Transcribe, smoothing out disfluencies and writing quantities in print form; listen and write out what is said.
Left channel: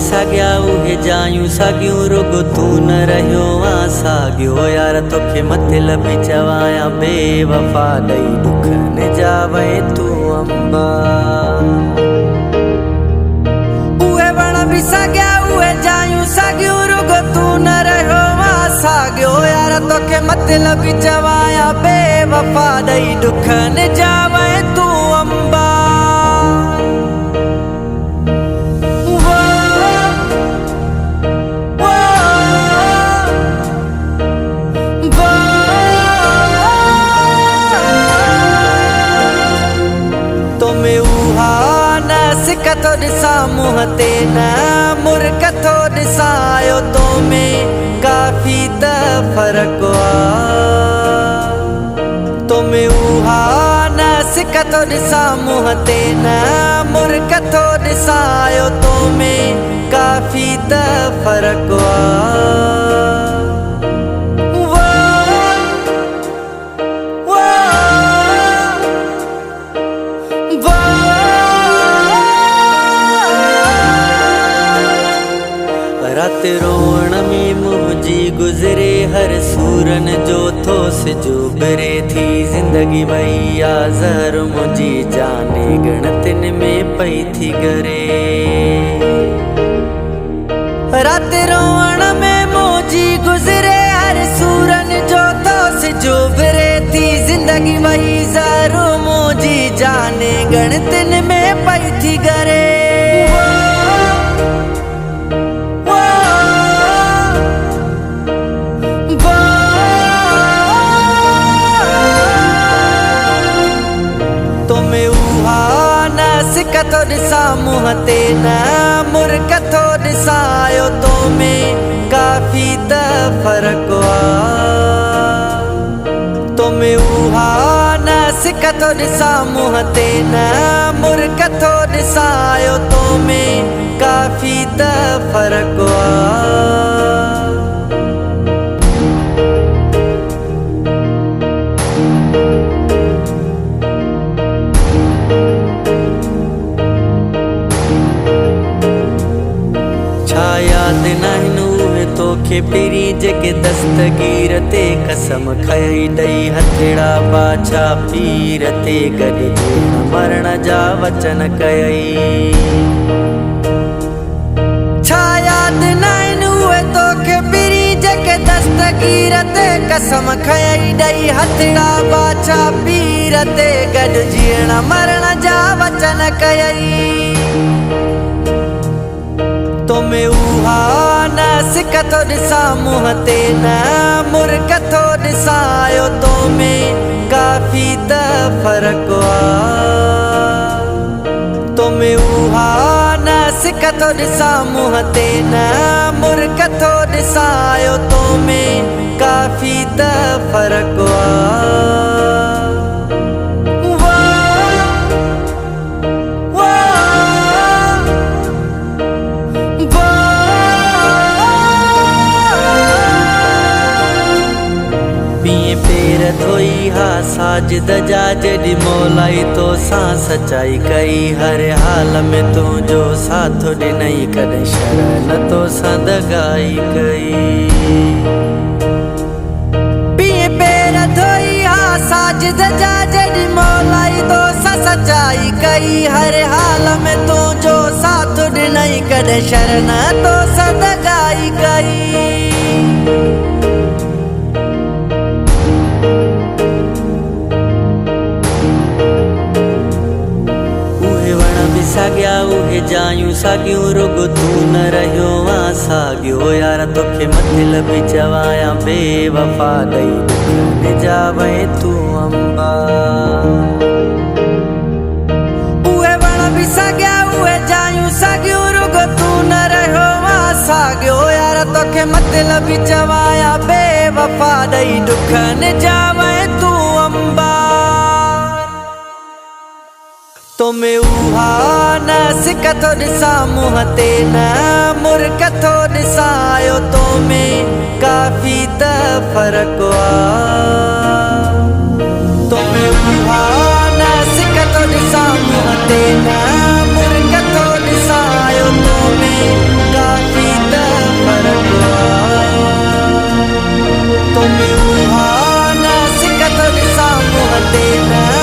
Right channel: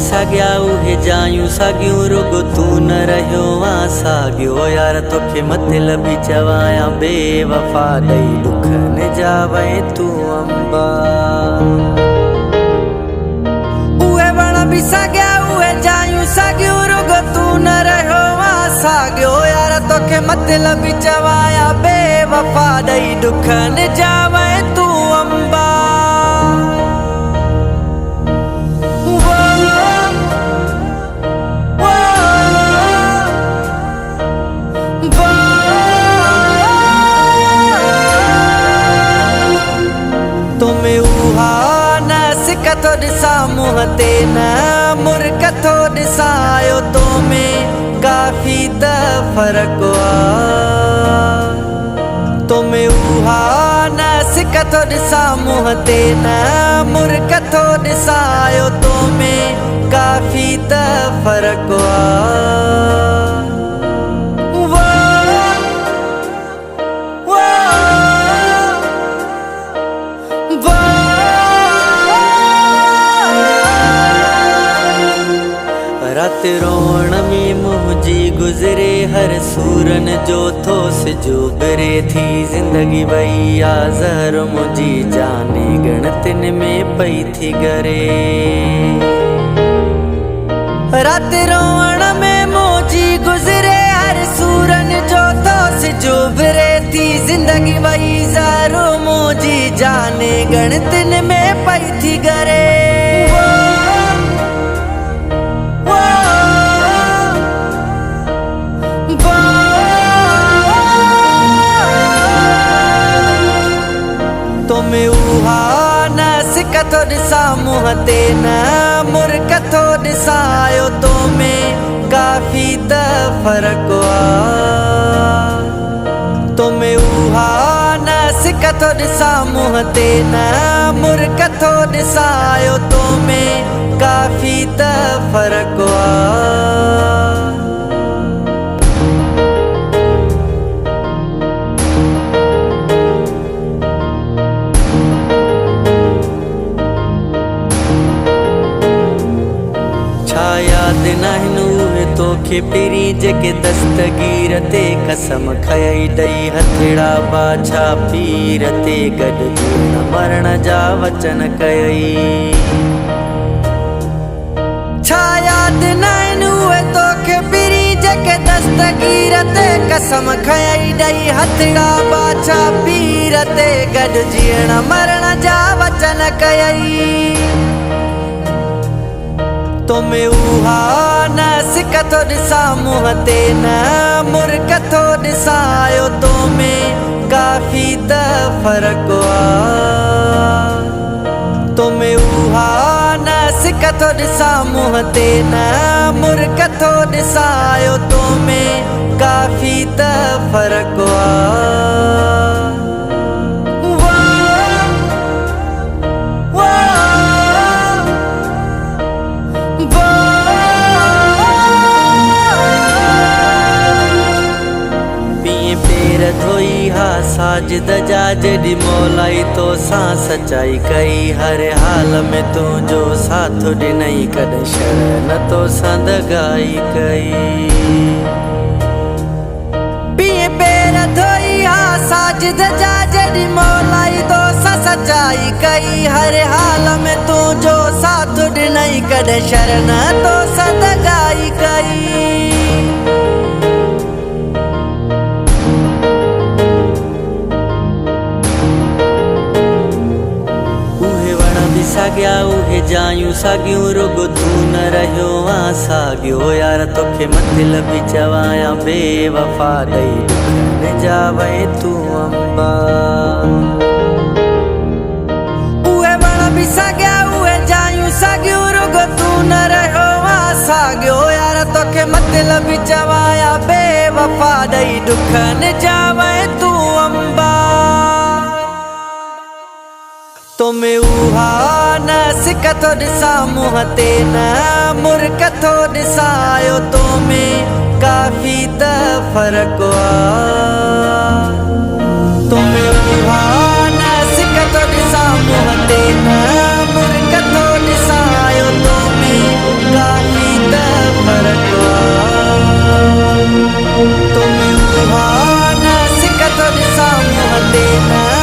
साग्या उहे जायूं सागियूं रुगो तू न रहियो आ सागियो यार तोखे मतलब चवाया बेवफा दई दुख न जावे तू अंबा उहे वण भी साग्या उहे जायूं सागियूं रुगो तू न रहियो आ सागियो यार तोखे मतलब चवाया बेवफा दई दुख न जावे तू अंबा तुम्हें उहा न सिकतो दिसा मुँह ते न मुरकतो दिसायो तुम्हें काफी त फर्क आ तुम्हें उहा न सिकतो दिसा मुँह ते न मुरकतो दिसायो तुम्हें काफी त फर्क आ रात रोण में मुझी गुजरे हर सूरन जो थो सिजोबरे थी जिंदगी भैया जहर मुझी जाने गणतिन में पई थी गरे रात रोण में मुझी गुजरे हर सूरन जो थो सिजोबरे थी जिंदगी भई जहर मुझी जाने गणतिन में पई थी गरे तुम्हें उहा न सिकतो दिसा मुँह ते न मुरकतो दिसायो तुम्हें काफी त फर्क आ तुम्हें उहा न सिकतो दिसा मुँह ते न मुरकतो दिसायो तुम्हें काफी त फर्क आ छा याद नाहिन उहे तोखे पिरी जेके दस्तगीर ते कसम खयई ॾई हथेड़ा बाछा पीर ते गॾु जीअण मरण जा वचन कयई छा याद नाहिन उहे तोखे पिरी जेके दस्तगीर ते कसम खयई ॾई हथेड़ा बाछा पीर ते गॾु जीअण मरण जा वचन कयई तुम्हें उहा न सिकतो दिसा मुँह ते न मुरकतो दिसायो तुम्हें काफी त फर्क आ तुम्हें उहा न सिकतो दिसा मुँह ते न मुरकतो दिसायो तुम्हें काफी त फर्क आ पिए पेर धोई हा साजिद जा जॾी मौलाई तो सां सचाई कई हर हाल में तुझो साथ ॾिनई कॾहिं शर न तो सां दगाई कई पिए पेर धोई हा साजिद जा जॾी मौलाई तो सां सचाई कई हर हाल में तुझो साथ ॾिनई कॾहिं शर न तो सां दगाई कई भी साग्या उहे जायूं सागियूं रुगो तू न रहियो आ सागियो यार तोखे मतलब चवाया बेवफा दई दुख न जावे तू अंबा उहे वण भी साग्या उहे जायूं सागियूं रुगो तू न रहियो आ सागियो यार तोखे मतलब चवाया बेवफा दई दुख न जावे तू अंबा तुम्हें उहा न सिकतो दिसा मुँह ते न मुरकतो दिसायो तुम्हें काफी त फर्क आ तुम्हें उहा न सिकतो दिसा मुँह ते न मुरकतो दिसायो तुम्हें फर्क आ तो भी उहा न सिक थोड़ी साम्हूं हले न